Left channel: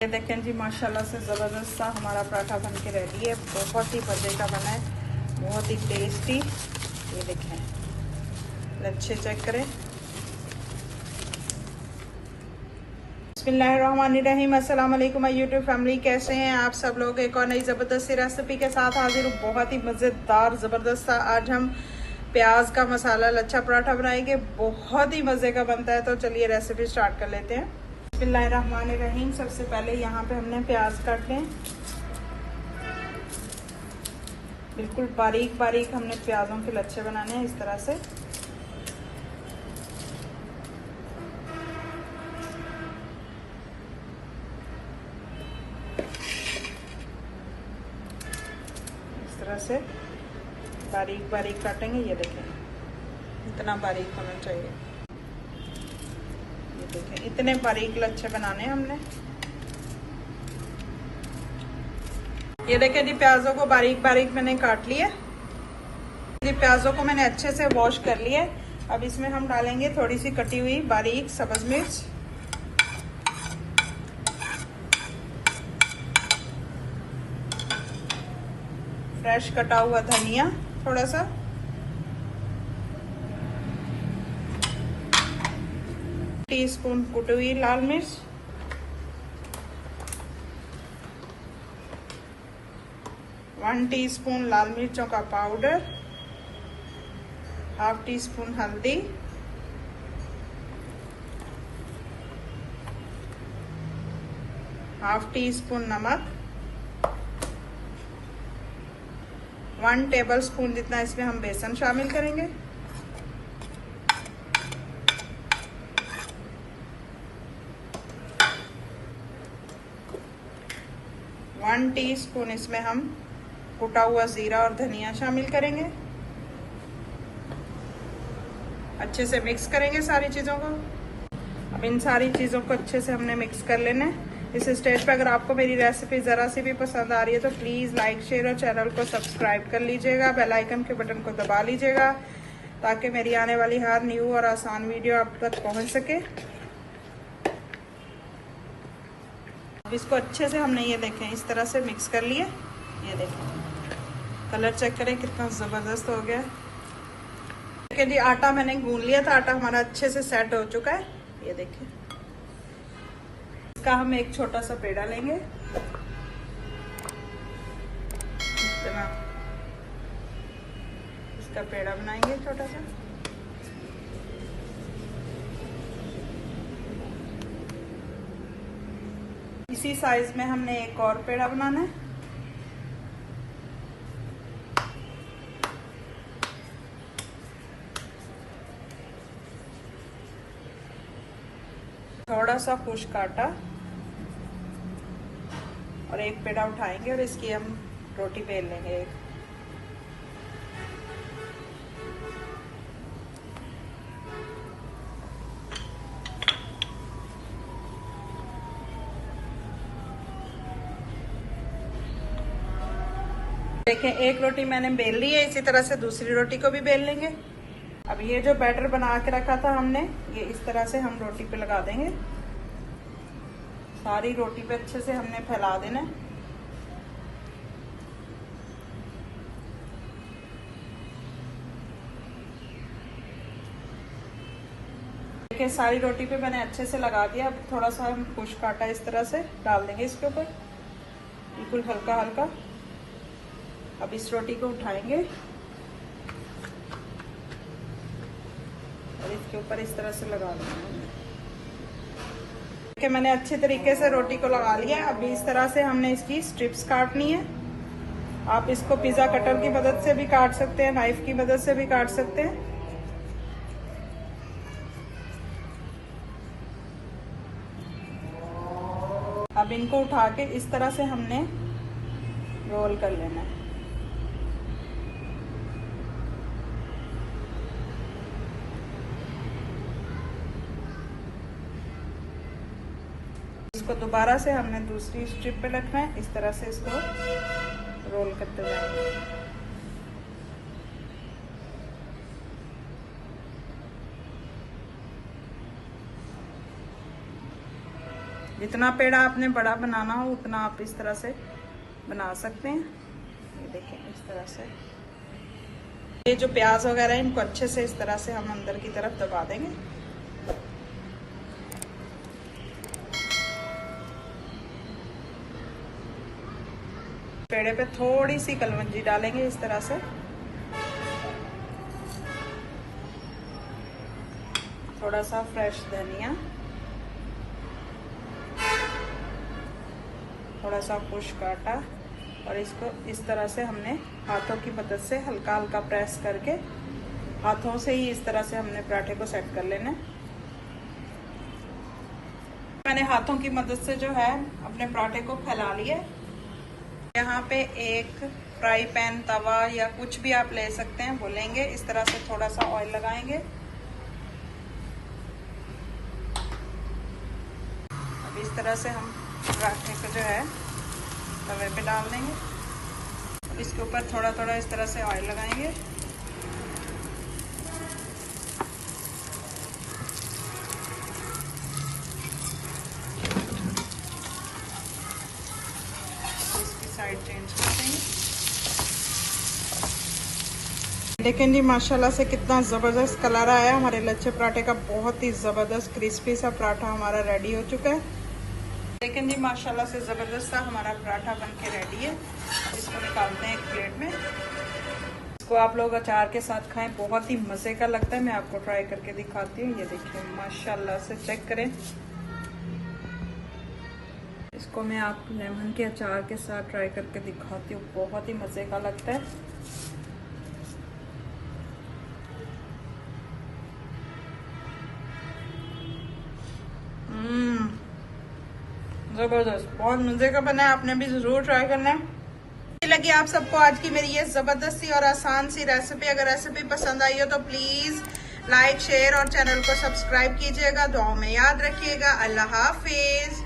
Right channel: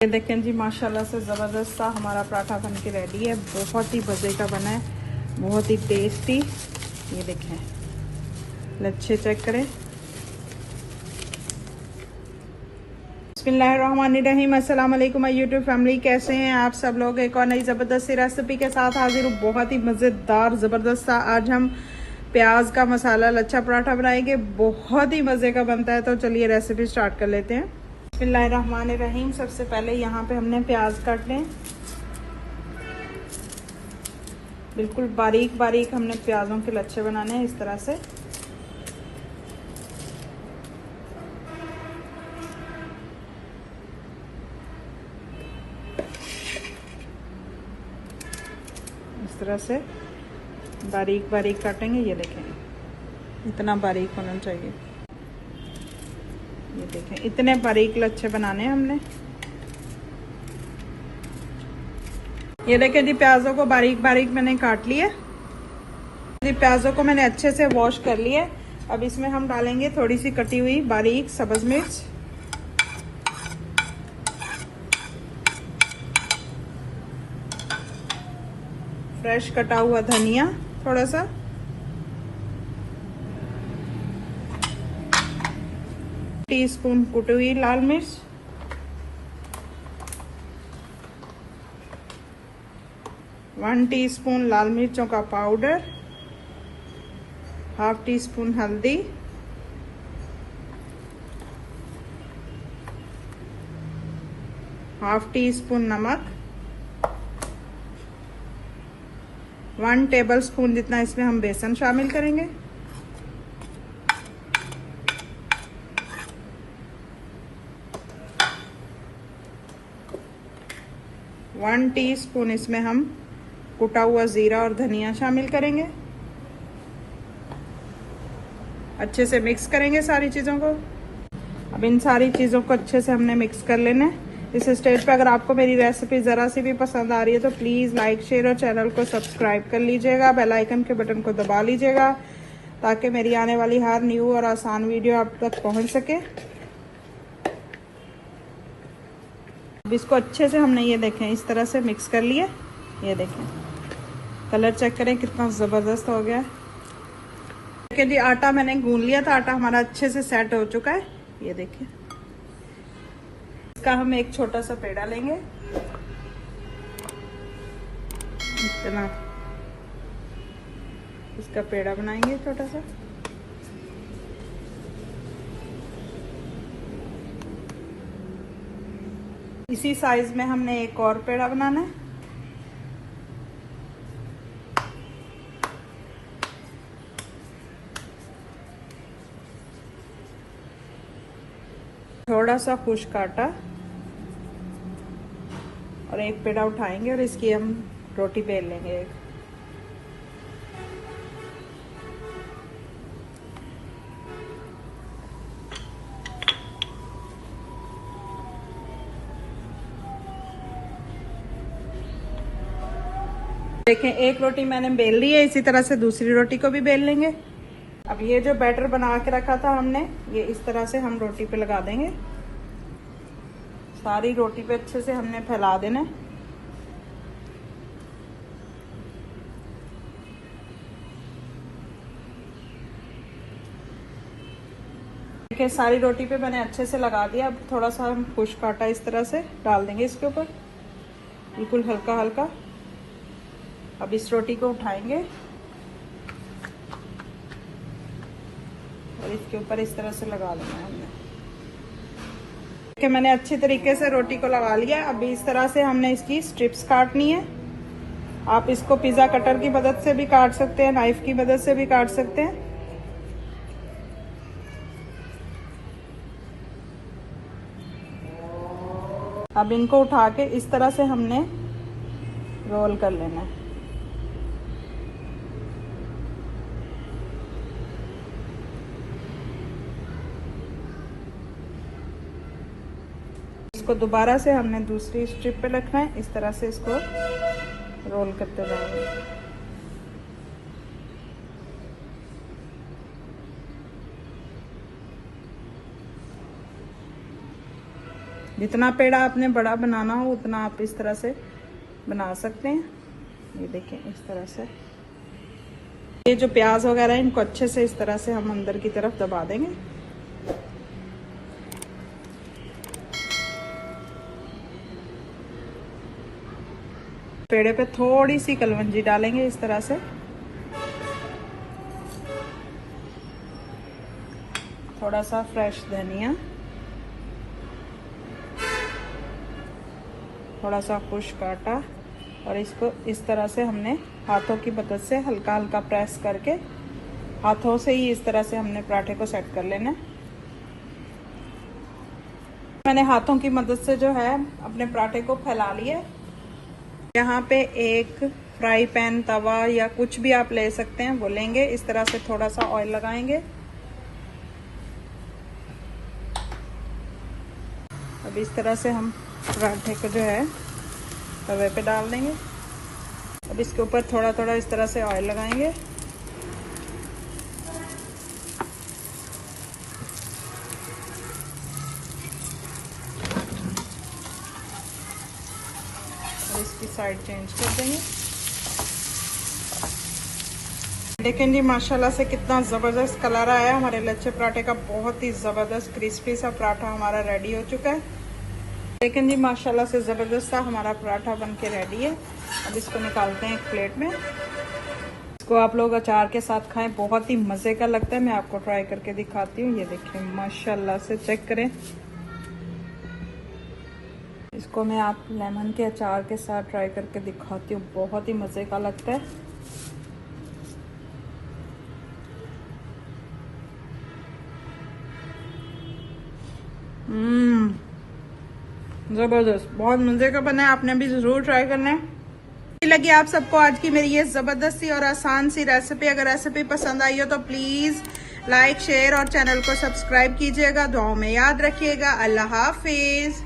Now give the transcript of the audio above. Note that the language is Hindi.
ये देखें जी, माशाल्लाह से ज़बरदस्त सा हमारा पराठा बन के रेडी है। बहुत ही मज़े का बना है, बहुत ही टेस्टी। ये देखें, अच्छे चेक करें। बिस्मिल्लाहिर्रहमानिर्रहीम। अस्सलाम वालेकुम यूट्यूब फैमिली, कैसे हैं आप सब लोग। एक और नई ज़बरदस्त सी रेसिपी के साथ हाजिर हूँ। बहुत ही मज़ेदार ज़बरदस्त सा आज हम प्याज का मसाला लच्छा पराठा बनाएंगे। बहुत ही मज़े का बनता है। तो चलिए रेसिपी स्टार्ट कर लेते हैं। बिस्मिल्लाहिर्रहमानिर्रहीम। सबसे पहले यहाँ पे हमने प्याज काट लें, बिल्कुल बारीक बारीक हमने प्याजों के लच्छे बनाने हैं इस तरह से। इस तरह से बारीक बारीक काटेंगे। ये देखें, इतना बारीक होना चाहिए। ये देखें, इतने बारीक लच्छे बनाने हैं हमने। ये देखें जी, प्याजों को बारीक बारीक मैंने काट लिया जी। प्याजों को मैंने अच्छे से वॉश कर लिया। अब इसमें हम डालेंगे थोड़ी सी कटी हुई बारीक सब्ज मिर्च, फ्रेश कटा हुआ धनिया थोड़ा सा, टीस्पून कुटी हुई लाल मिर्च, 1 टीस्पून लाल मिर्चों का पाउडर, ½ टीस्पून हल्दी, ½ टीस्पून नमक, 1 टेबलस्पून जितना इसमें हम बेसन शामिल करेंगे। वन टीस्पून इसमें हम कुटा हुआ जीरा और धनिया शामिल करेंगे। अच्छे से मिक्स करेंगे सारी चीजों को। अब इन सारी चीजों को अच्छे से हमने मिक्स कर लेना है। इस स्टेज पे अगर आपको मेरी रेसिपी जरा सी भी पसंद आ रही है तो प्लीज लाइक शेयर और चैनल को सब्सक्राइब कर लीजिएगा। बेल आइकन के बटन को दबा लीजिएगा ताकि मेरी आने वाली हर न्यू और आसान वीडियो आप तक पहुंच सके। अब इसको अच्छे से हमने ये देखें इस तरह से मिक्स कर लिया। ये देखें, कलर चेक करें कितना जबरदस्त हो गया। देखिए जी, आटा मैंने गूंद लिया था। आटा हमारा अच्छे से सेट हो चुका है। ये देखें, इसका हम एक छोटा सा पेड़ा लेंगे। इतना इसका पेड़ा बनाएंगे छोटा सा। इसी साइज में हमने एक और पेड़ा बनाना है। थोड़ा सा खुश्क आटा और एक पेड़ा उठाएंगे और इसकी हम रोटी बेल लेंगे। देखें, एक रोटी मैंने बेल ली है। इसी तरह से दूसरी रोटी को भी बेल लेंगे। अब ये जो बैटर बना के रखा था हमने, ये इस तरह से हम रोटी पे लगा देंगे। सारी रोटी पे अच्छे से हमने फैला देना है। देखिए, सारी रोटी पे मैंने अच्छे से लगा दिया। अब थोड़ा सा हम खुश्क आटा इस तरह से डाल देंगे इसके ऊपर, बिल्कुल हल्का हल्का। अब इस रोटी को उठाएंगे और इसके ऊपर इस तरह से लगा देना है। मैंने अच्छी तरीके से रोटी को लगा लिया। अब इस तरह से हमने इसकी स्ट्रिप्स काटनी है। आप इसको पिज्जा कटर की मदद से भी काट सकते हैं, नाइफ की मदद से भी काट सकते हैं। अब इनको उठा के इस तरह से हमने रोल कर लेना है। इसको दोबारा से हमने दूसरी स्ट्रिप पे रखना है। इस तरह से इसको रोल करते रहेंगे। जितना पेड़ा आपने बड़ा बनाना हो उतना आप इस तरह से बना सकते हैं। ये देखें इस तरह से। ये जो प्याज वगैरह है इनको अच्छे से इस तरह से हम अंदर की तरफ दबा देंगे। पेड़े पे थोड़ी सी कलवंजी डालेंगे इस तरह से, थोड़ा सा फ्रेश धनिया, थोड़ा सा खुश्क आटा, और इसको इस तरह से हमने हाथों की मदद से हल्का हल्का प्रेस करके हाथों से ही इस तरह से हमने पराठे को सेट कर लेना है। मैंने हाथों की मदद से जो है अपने पराठे को फैला लिया। यहाँ पे एक फ्राई पैन, तवा या कुछ भी आप ले सकते हैं वो लेंगे। इस तरह से थोड़ा सा ऑयल लगाएंगे। अब इस तरह से हम पराठे को जो है तवे पे डाल देंगे। अब इसके ऊपर थोड़ा थोड़ा इस तरह से ऑयल लगाएंगे। इसकी साइड चेंज कर देंगे। देखें जी माशाल्लाह से कितना ज़बरदस्त कलर आया हमारे लच्छे पराठे का। बहुत ही ज़बरदस्त क्रिस्पी सा पराठा हमारा रेडी हो चुका है। लेकिन जी माशाल्लाह से ज़बरदस्त सा हमारा पराठा बन के रेडी है। अब इसको निकालते हैं एक प्लेट में। इसको आप लोग अचार के साथ खाएं, बहुत ही मज़े का लगता है। मैं आपको ट्राई करके दिखाती हूँ। ये देखिए माशाल्लाह से चेक करें। इसको मैं आप लेमन के अचार के साथ ट्राई करके दिखाती हूँ, बहुत ही मज़े का लगता है। जबरदस्त, बहुत मजे का बना है। आपने भी जरूर ट्राई करना है। लगी आप सबको आज की मेरी ये जबरदस्त सी और आसान सी रेसिपी। अगर रेसिपी पसंद आई हो तो प्लीज लाइक, शेयर और चैनल को सब्सक्राइब कीजिएगा। दुआओं में याद रखिएगा। अल्लाह हाफिज।